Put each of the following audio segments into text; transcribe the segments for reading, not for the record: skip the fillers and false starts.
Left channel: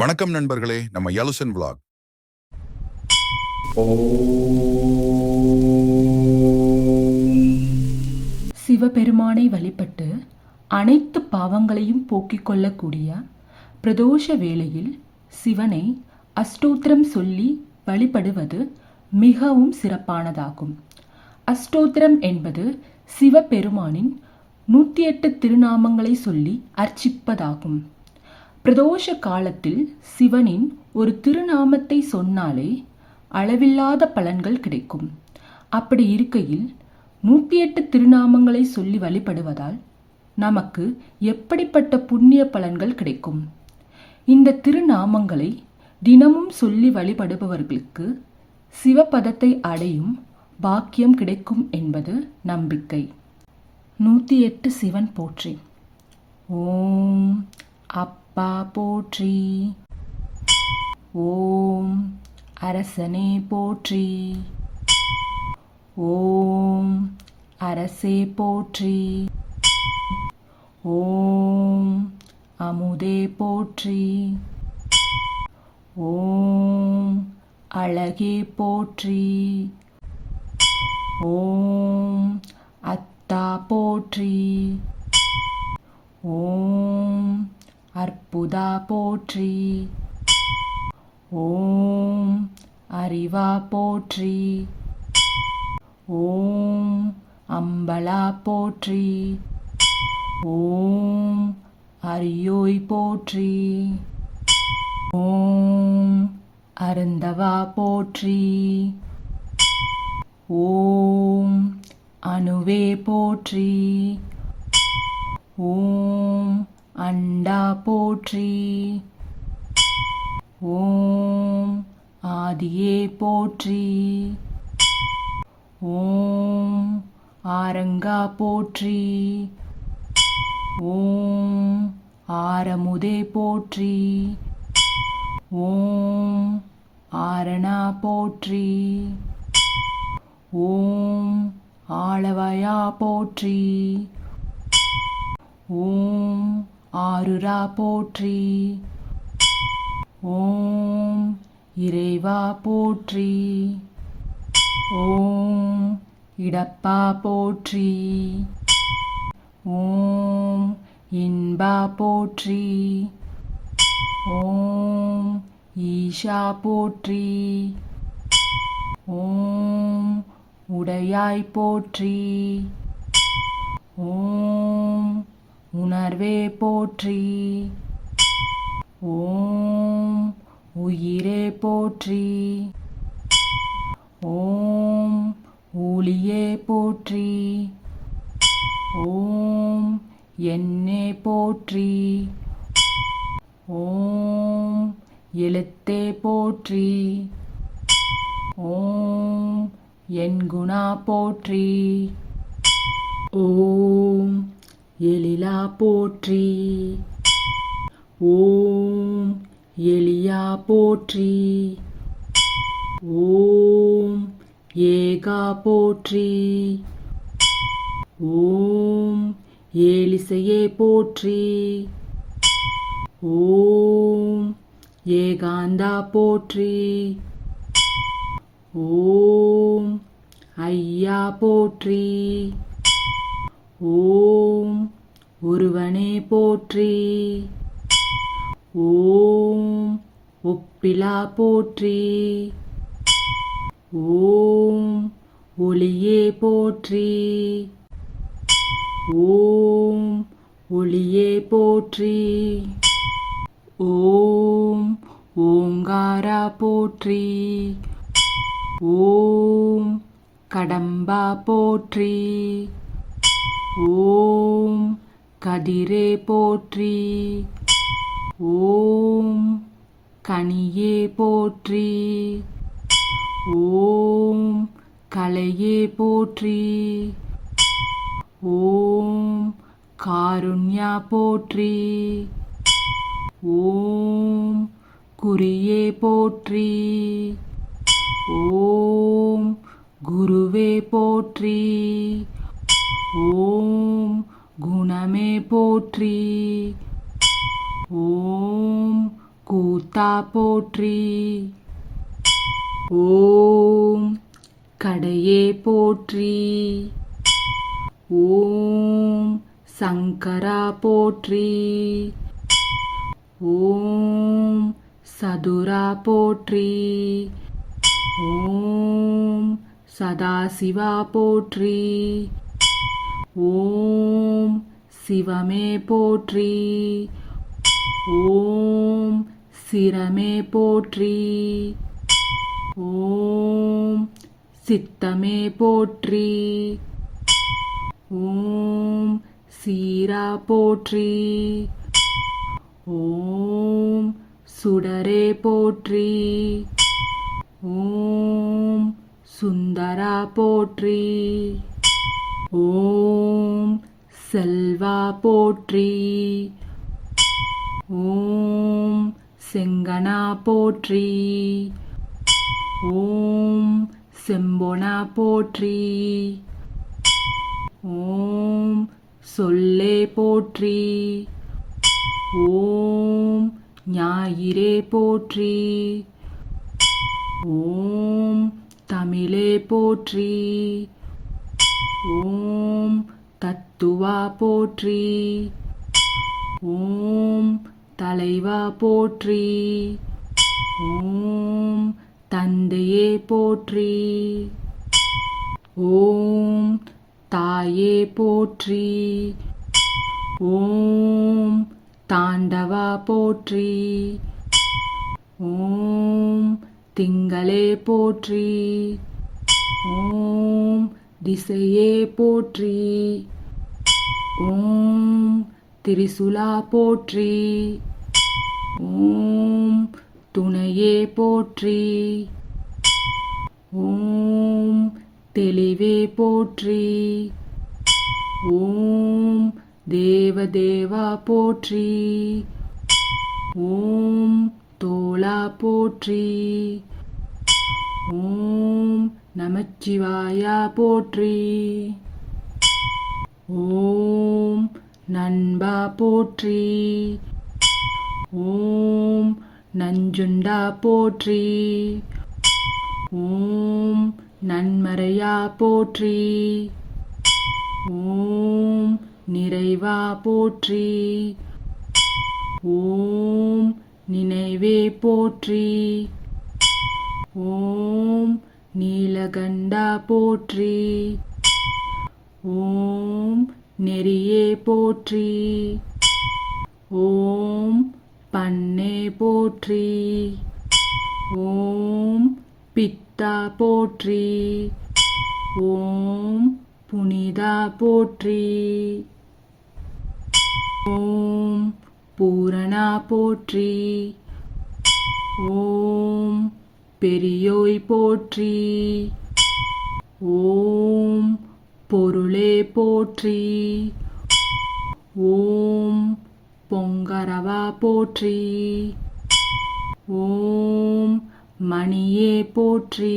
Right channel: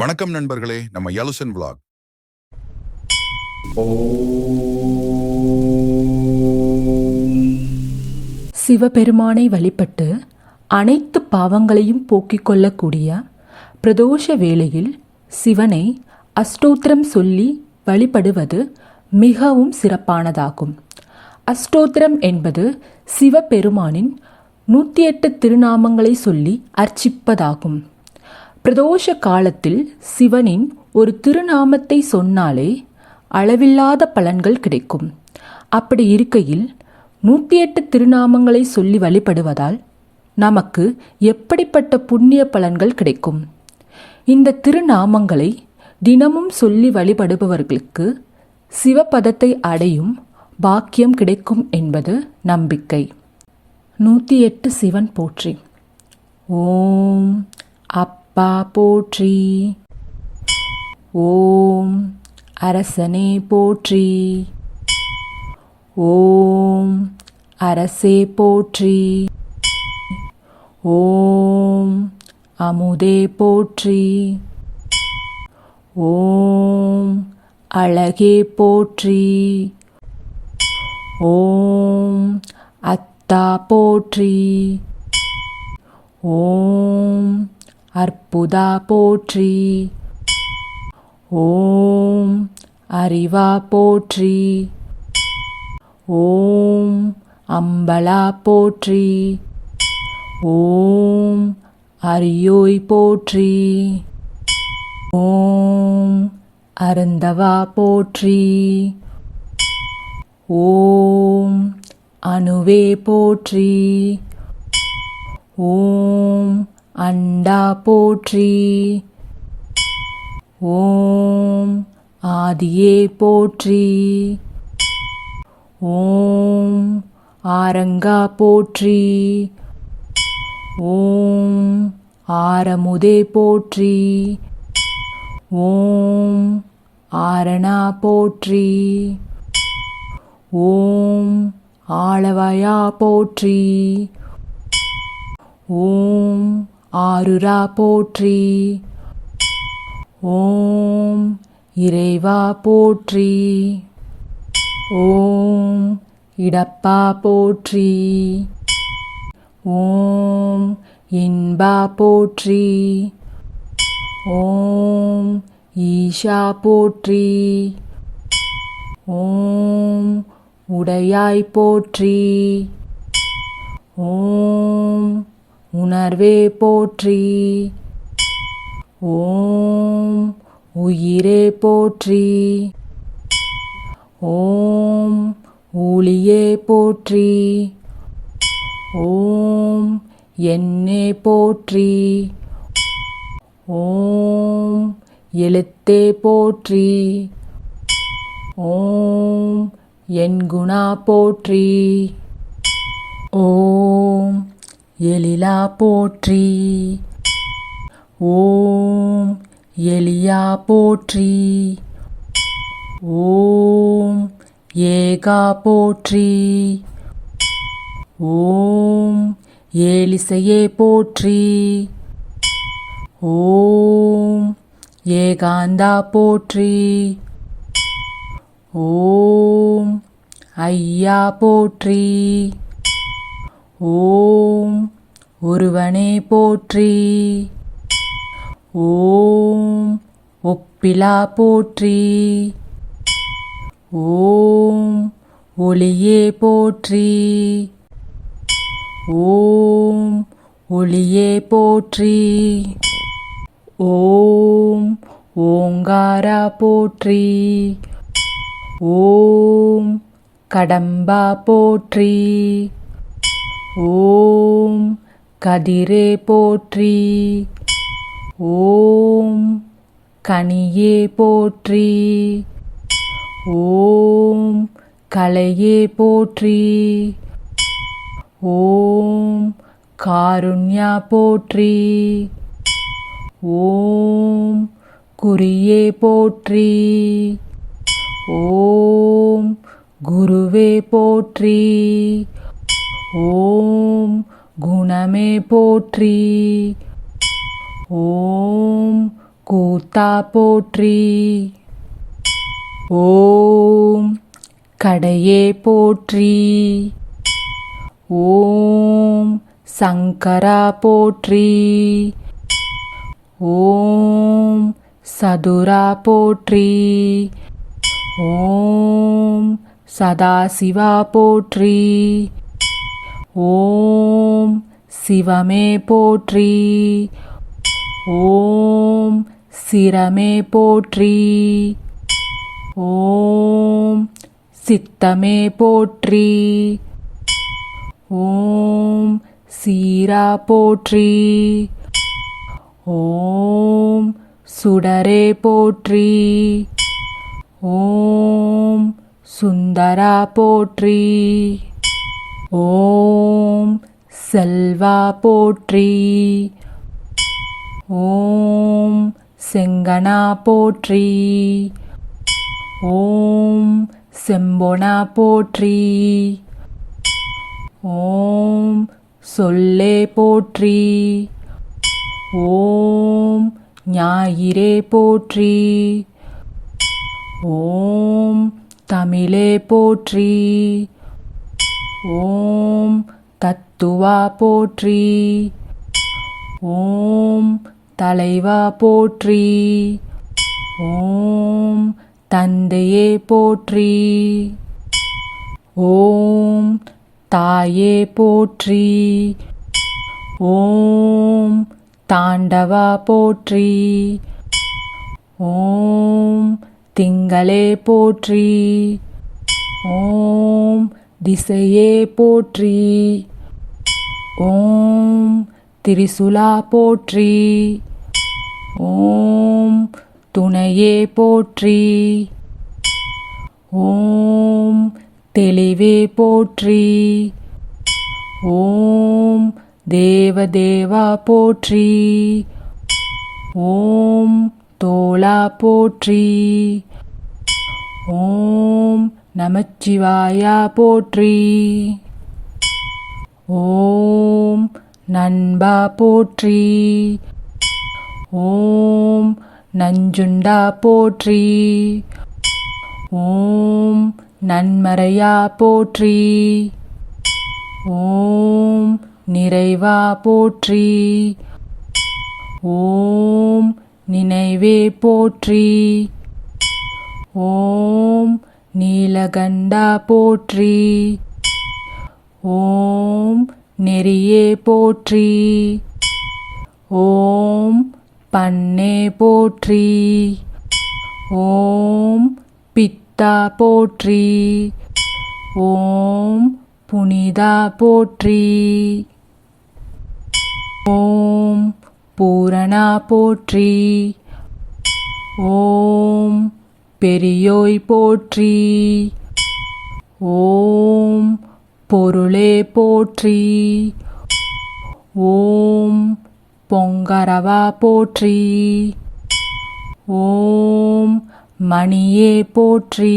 வணக்கம் நண்பர்களே, நம்ம யலுசன் vlog. சிவபெருமானை வழிபட்டு அனைத்து பாவங்களையும் போக்கிக் கொள்ளக்கூடிய பிரதோஷ வேளையில் சிவனை அஷ்டோத்திரம் சொல்லி வழிபடுவது மிகவும் சிறப்பானதாகும். அஷ்டோத்திரம் என்பது சிவபெருமானின் 108 திருநாமங்களை சொல்லி அர்ச்சிப்பதாகும். பிரதோஷ காலத்தில் சிவனின் ஒரு திருநாமத்தை சொன்னாலே அளவில்லாத பலன்கள் கிடைக்கும். அப்படி இருக்கையில் 108 திருநாமங்களை சொல்லி வழிபடுவதால் நமக்கு எப்படிப்பட்ட புண்ணிய பலன்கள் கிடைக்கும்? இந்த திருநாமங்களை தினமும் சொல்லி வழிபடுபவர்களுக்கு சிவபதத்தை அடையும் பாக்கியம் கிடைக்கும் என்பது நம்பிக்கை. 108 சிவன் போற்றி. ஓம் அப்பா போற்றி. ஓம் அரசனே போற்றி. ஓம் அரசே போற்றி. ஓம் அமுதே போற்றி. ஓம் அழகே போற்றி. ஓம் அத்தா போற்றி. ஓம் அற்புதா போற்றி. ஓம் அறிவா போற்றி. ஓம் அம்பலா போற்றி. ஓம் அரியோய் போற்றி. ஓம் அருந்தவா போற்றி. ஓம் அணுவே போற்றி. ஓம் அண்டா போற்றி. ஓம் ஆதியே போற்றி. ஓம் ஆரங்கா போற்றி. ஓம் ஆரமுதே போற்றி. ஓம் ஆரணா போற்றி. ஓம் ஆளவயா போற்றி. ஓம் ஆருரா போற்றி. ஓம் இறைவா போற்றி. ஓம் இடப்பா போற்றி. ஓம் இன்பா போற்றி. ஓம் ஈஷா போற்றி. ஓம் உடையாய் போற்றி. ஓம் உணர்வே போற்றி. ஓம் உயிரே போற்றி. ஓம் ஊழியே போற்றி. ஓம் எண்ணே போற்றி. ஓம் எழுத்தே போற்றி. ஓம் என்குணா போற்றி. ஓம் எழிலா போற்றி. ஓம் எலியா போற்றி. ஓம் ஏகா போற்றி. ஓம் ஏலிசையே போற்றி. ஓம் ஏகாந்தா போற்றி. ஓம் ஐயா போற்றி. ஓம் ஒருவனே போற்றி. ஓம் ஒப்பிலா போற்றி. ஓம் ஒளியே போற்றி. ஓம் ஒளியே போற்றி. ஓம் ஓங்காரா போற்றி. ஓம் கடம்பா போற்றி. ஓம் கதிரே போற்றி. ஓம் கனியே போற்றி. ஓம் கலையே போற்றி. ஓம் காருண்யா போற்றி. ஓம் குறியே போற்றி. ஓம் குருவே போற்றி. ஓம் குணமே போற்றி. ஓம் கூத்தா போற்றி. ஓம் கடையே போற்றி. ஓம் சங்கரா போற்றி. ஓம் சதுரா போற்றி. ஓம் சதாசிவா போற்றி. ஓம் சிவமே போற்றி. ஓம் சிரமே போற்றி. ஓம் சித்தமே போற்றி. ஓம் சீரா போற்றி. ஓம் சுடரே போற்றி. ஓம் சுந்தரா போற்றி. ஓம் செல்வா போற்றி. ஓம் செங்கனா போற்றி. ஓம் செம்பொனா போற்றி. ஓம் சொல்லே போற்றி. ஓம் ஞாயிறே போற்றி. ஓம் தமிழே போற்றி. ஓம் தத்துவா போற்றி. ஓம் தலைவா போற்றி. ஓம் தந்தையே போற்றி. ஓம் தாயே போற்றி. ஓம் தாண்டவா போற்றி. ஓம் திங்களே போற்றி. ஓம் திசையே போற்றி. ஓம் திரிசுலா போற்றி. ஓம் துணையே போற்றி. ஓம் தெளிவே போற்றி. ஓம் தேவதேவா போற்றி. ஓம் தோளா போற்றி. ஓம் நமச்சிவாயா போற்றி. ஓம் நண்பா போற்றி. ஓம் நஞ்சுண்டா போற்றி. ஓம் நன்மறையா போற்றி. ஓம் நிறைவா போற்றி. ஓம் நினைவே போற்றி. ஓம் நீலகண்டா போற்றி. ஓம் நெறியே போற்றி. ஓம் பண்ணே போற்றி. ஓம் பித்தா போற்றி. ஓம் புனிதா போற்றி. ஓம் பூரணா போற்றி. ஓம் பெரியோய் போற்றி. ஓம் பொருளே போற்றி. ஓம் பொங்கரவா போற்றி. ஓம் மணியே போற்றி.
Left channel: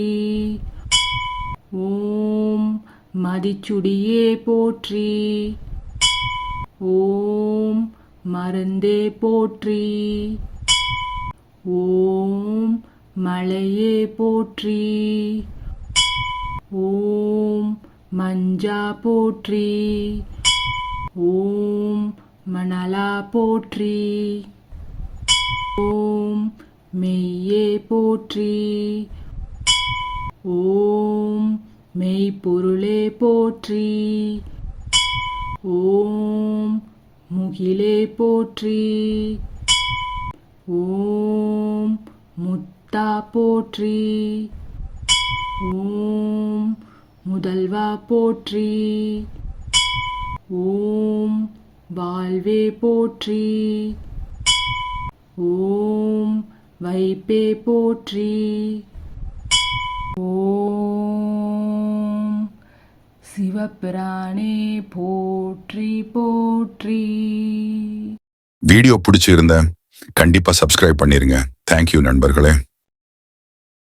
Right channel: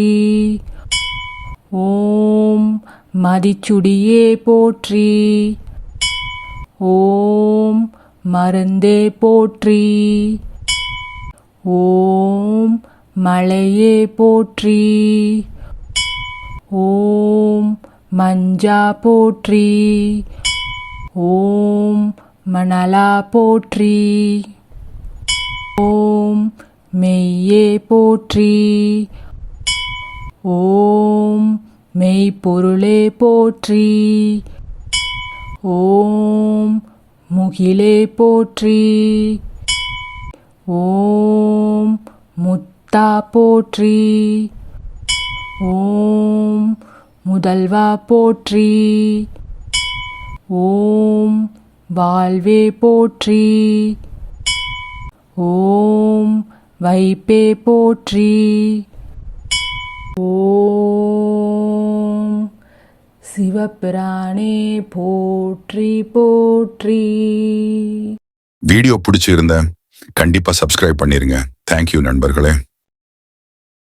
ஓம் மதிச்சுடியே போற்றி. ஓம் மருந்தே போற்றி. ஓம் மலையே போற்றி. ஓம் மஞ்சா போற்றி. ஓம் மணலா போற்றி. ஓம் மெய்யே போற்றி. ஓம் மெய்ப்பொருளே போற்றி. ஓம் முகிலே போற்றி. ஓம் முத்தா போற்றி. ஓம் முதல்வா போற்றி. ஓம் வாழ்வே போற்றி. ஓம் வைப்பே போற்றி. ஓம் சிவபிரானே போற்றி போற்றி. வீடியோ பிடிச்சிருந்தா கண்டிப்பா சப்ஸ்கிரைப் பண்ணிருங்க. தேங்க்யூ நண்பர்களே.